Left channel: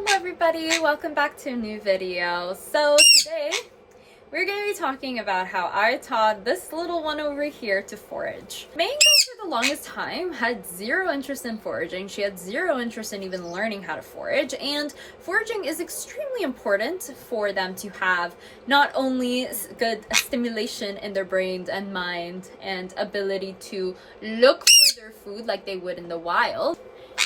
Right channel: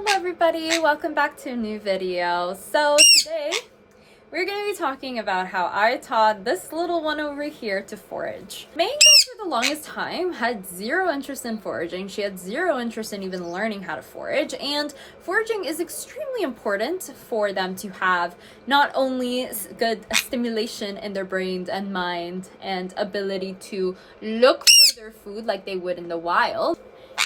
Hello everybody, welcome back to a new video. So today we're going to be talking about how I taught this little one over here to forage. Mango for the longest time had zero interest in foraging. She had zero interest in even learning how to forage, and foraging is extremely important for them to have not only good stimulation in their brains and mind and ability to look for their food like they would in the wild.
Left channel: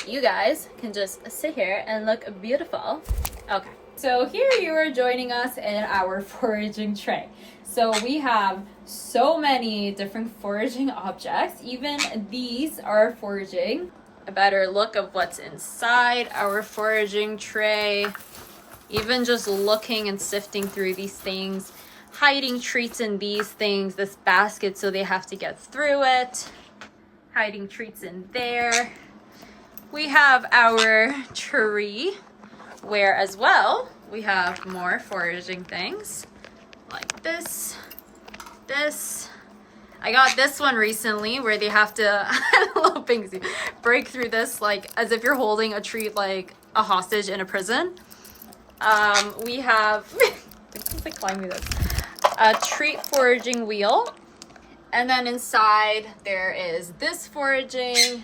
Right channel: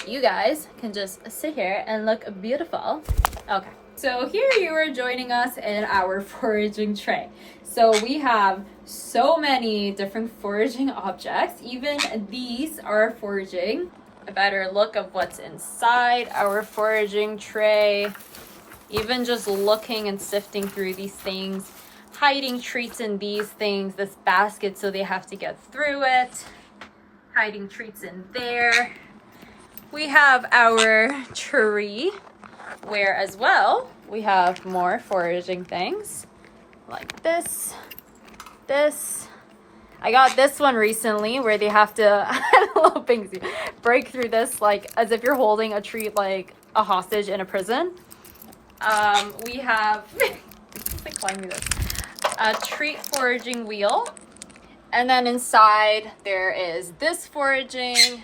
You guys can just sit here and look beautiful. Okay, so here you are joining us in our foraging tray. So we have so many different foraging objects. Even these are foraging. A better look of what's inside our foraging tray. Even just looking and sifting through these things, hiding treats in these things, this basket so they have to get through it, hiding treats in there. We have our tree, where as well we have more foraging things like this. I got this one recently where they have to break through this like as if you're holding a treat like a hostage in a prison. We have a treat foraging wheel, and then inside there is this foraging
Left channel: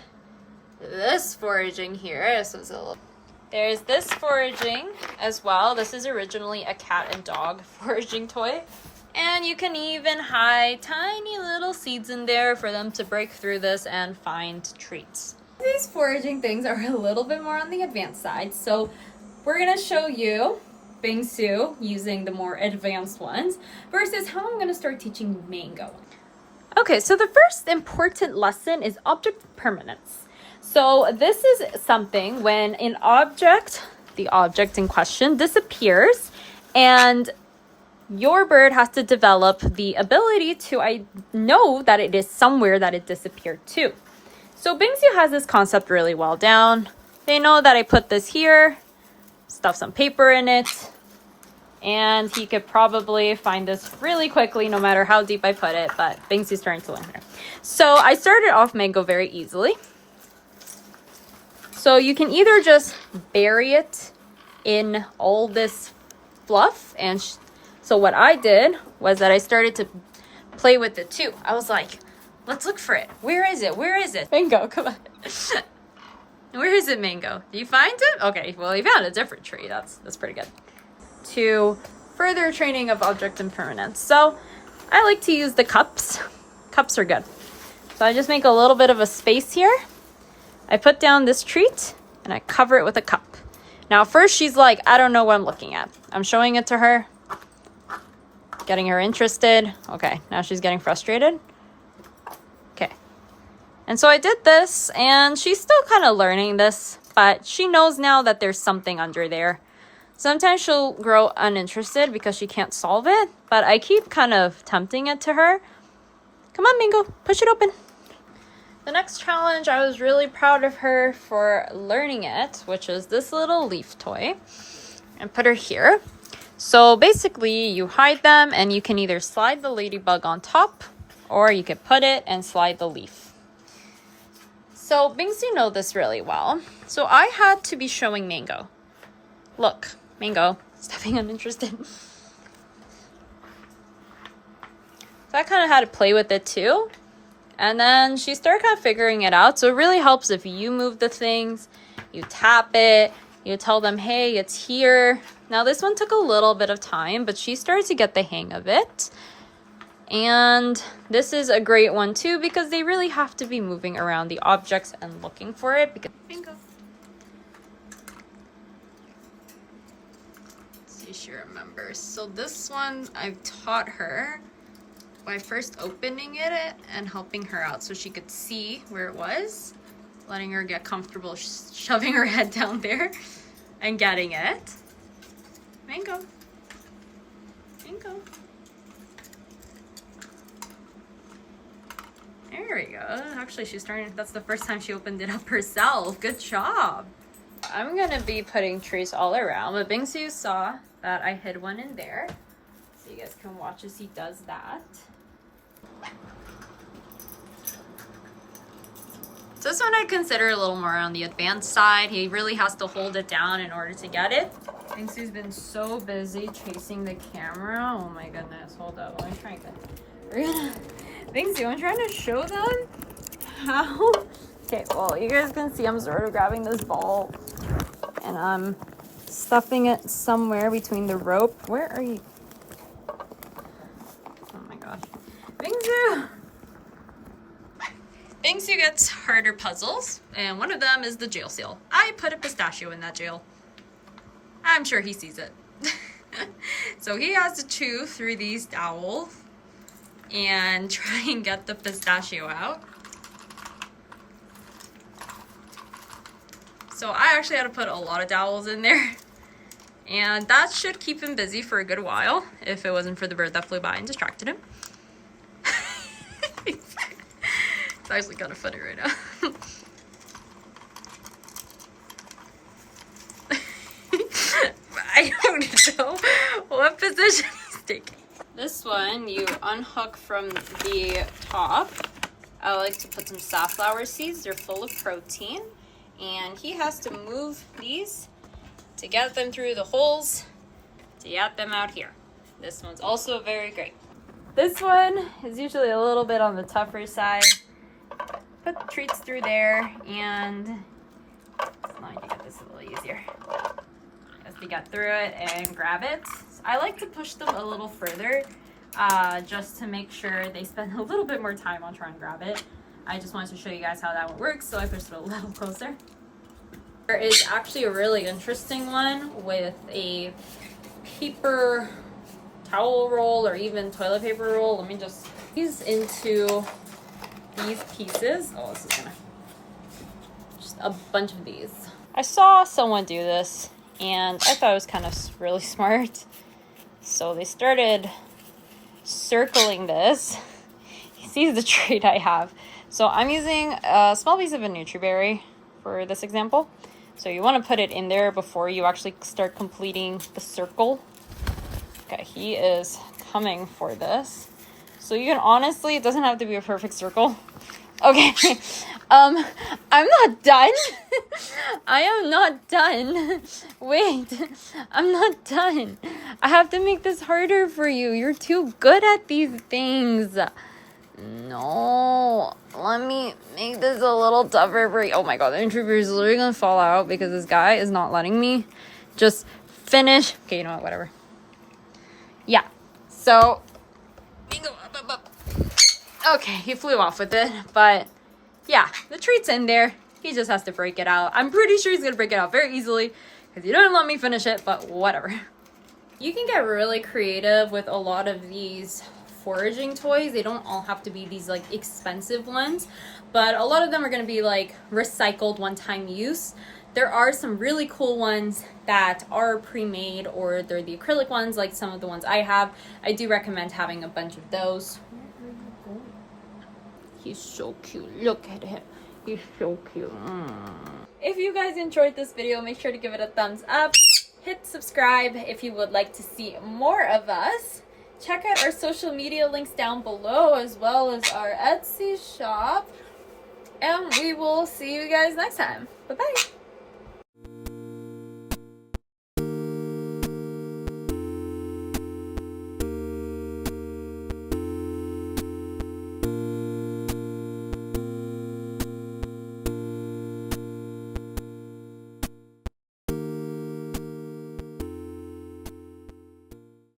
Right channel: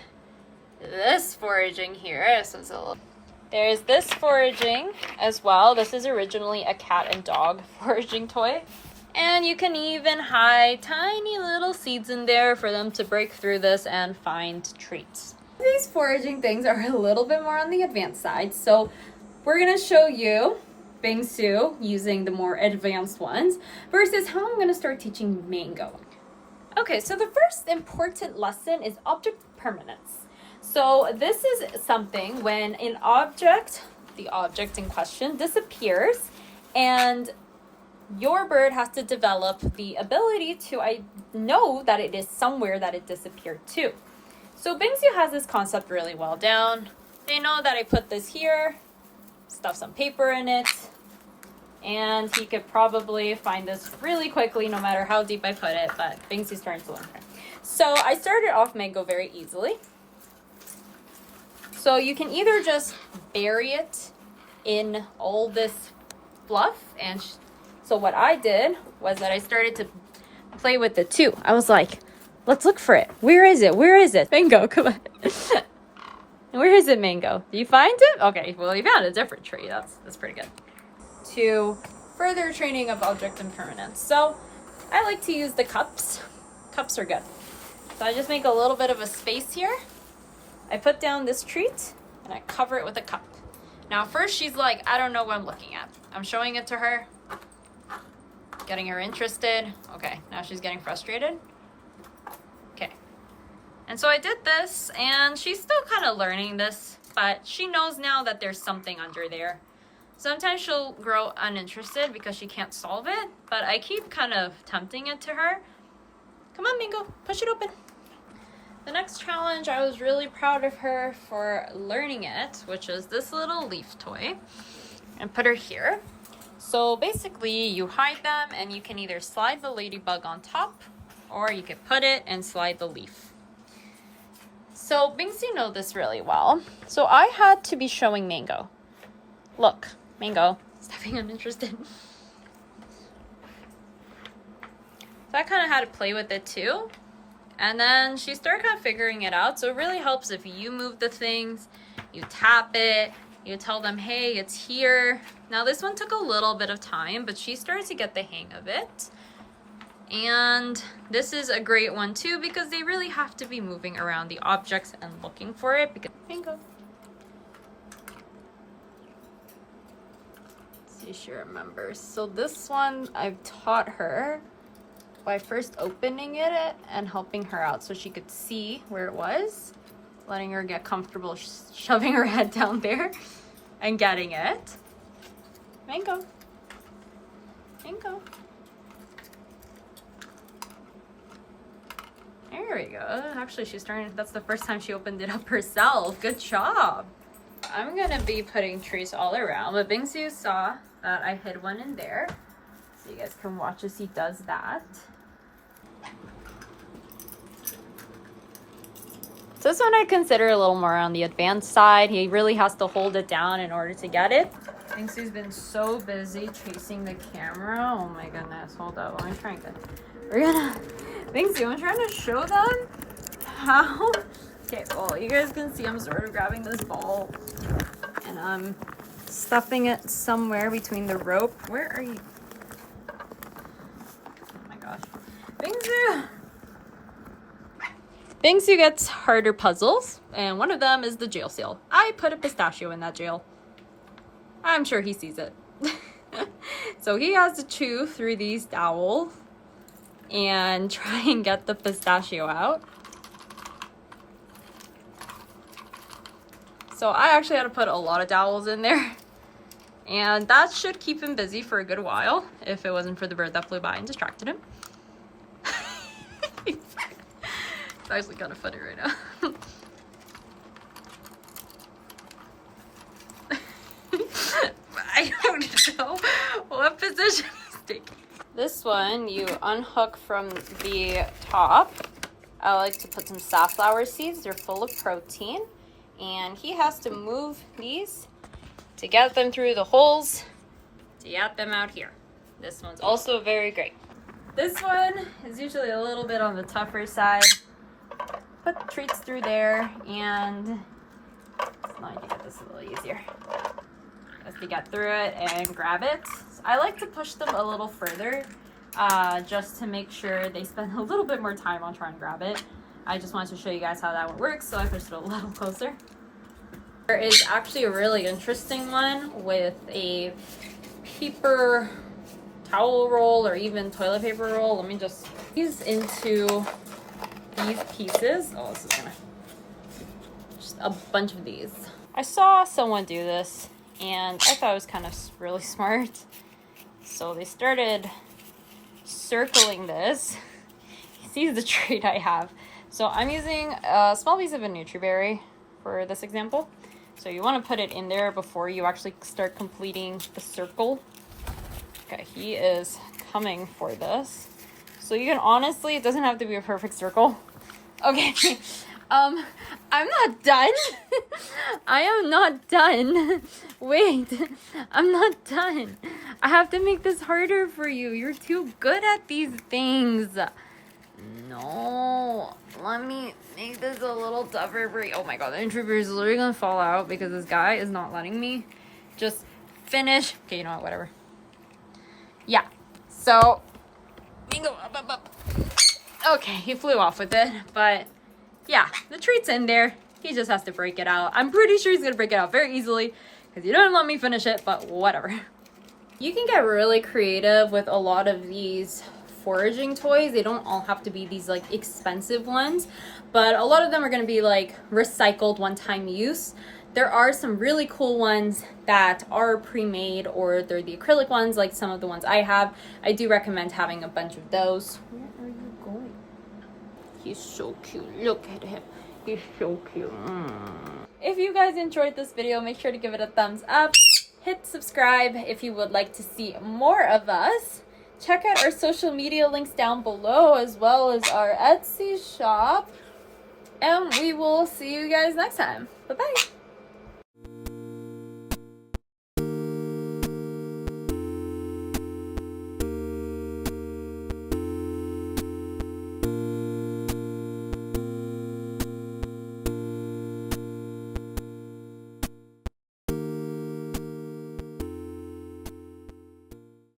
here. So there's this foraging as well. This is originally a cat and dog foraging toy, and you can even hide tiny little seeds in there for them to break through this and find treats. These foraging things are a little bit more on the advanced side, so we're gonna show you Bingsu using the more advanced ones versus how I'm gonna start teaching Mango. Okay, so the first important lesson is object permanence. So this is something when an object, the object in question, disappears, and your bird has to develop the ability to know that it is somewhere that it disappeared to. So Bingsu has this concept really well down. They know that I put this here, stuff some paper in it, and he could probably find this really quickly no matter how deep I put it, but Bingsu's starting to learn here. So I started off Mango very easily. So you can either just bury it in all this fluff, and so what I did was that I started to play with it too. I was like, let's look for it. Where is it? Where is it? Mango, come on. Where is it, Mango? Did you find it? Okay, well, you found a different tree. That's pretty good. To further training of object impermanence. So I like to use the cups. Cups are good. So I just make a little bit of a space here. I put down this treat and I cover it with a cup. Now first she's like, I don't know what I'm looking at. I'm showing it to her, getting her interested. Okay, now she's getting frustrated. Okay. And so I did this, and she's still kind of learning this, but she knows now that there's something under there. Sometimes she'll grow uninterested because she can't solve it, but I keep kind of tempting it to her. Come on, Mango, push it open. The next challenge, I was really proud of her for learning it, which is this little leaf toy, and put her here. So basically you hide them, and you can either slide the ladybug on top, or you could put it and slide the leaf. So Bingsu knows this really well. So I had to be showing Mango. Look, Mango, stop being uninterested. So I kind of had to play with it too. And then she started kind of figuring it out. So it really helps if you move the things, you tap it, you tell them, hey, it's here. Now this one took a little bit of time, but she started to get the hang of it. And this is a great one too, because they really have to be moving around the objects and looking for it. Because Bingo. Let's see if she remembers. So this one I've taught her by first opening it and helping her out so she could see where it was, letting her get comfortable shoving her head down there and getting it. Mango. Mango. There we go. Actually, she's starting, that's the first time she opened it up herself. Good job. I'm gonna be putting trees all around, but Bingsu saw that I hid one in there. So you guys can watch as he does that. So this one I consider a little more on the advanced side. He really has to hold it down in order to get it. Bingsoo's been so busy chasing the camera. Oh my goodness, hold up. Let me try and Bingsoo, I'm trying to show them how. Okay, well, you guys can see I'm sort of grabbing this ball and I'm stuffing it somewhere between the rope. Where are you? Oh my gosh. Bingsoo! Bingsoo gets harder puzzles, and one of them is the jail seal. I put a pistachio in that jail. I'm sure he sees it. So he has to chew through these dowels and try and get the pistachio out. So I actually had to put a lot of dowels in there. And that should keep him busy for a good while if it wasn't for the bird that flew by and distracted him. It's actually kind of funny right now. I don't know what position he's taking. This one you unhook from the top. I like to put some safflower seeds. They're full of protein. And he has to move these to get them through the holes to get them out here. This one's also very great. This one is usually a little bit on the tougher side. Put treats through there, and now I can get this a little easier. As to get through it and grab it. I like to push them a little further just to make sure they spend a little bit more time on trying to grab it. I just wanted to show you guys how that one works, so I pushed it a little closer. There is actually a really interesting one with a paper towel roll or even toilet paper roll. Let me just these into these pieces. Oh, this is gonna just a bunch of these. I saw someone do this and I thought it was kind of really smart. So they started circling this. He sees the trait I have. So I'm using a small piece of a Nutriberry for this example. So you want to put it in there before you actually start completing the circle. Okay, he is coming for this. So you can honestly, it doesn't have to be a perfect circle. Okay, I'm not done. I am not done. Wait, I'm not done. I have to make this harder for you. You're too good at these things. No, let me make this a little tougher for you. Oh my god, the intruder is literally gonna fall out because this guy is not letting me just finish. Okay, you know what, whatever. Yeah, so okay, he flew off with it, but yeah, the treat's in there. He just has to break it out. I'm pretty sure he's gonna break it out very easily because he didn't let me finish it, but whatever. You can get really creative with a lot of these foraging toys. They don't all have to be these like expensive ones, but a lot of them are going to be like recycled one-time use. There are some really cool ones that are pre-made, or they're the acrylic ones like some of the ones I have. I do recommend having a bunch of those. Where are you going? He's so cute. Look at him. He's so cute. If you guys enjoyed this video, make sure to give it a thumbs up. Hit subscribe if you would like to see more of us. Check out our social media links down below, as well as our Etsy shop. And we will see you guys next time. Bye-bye.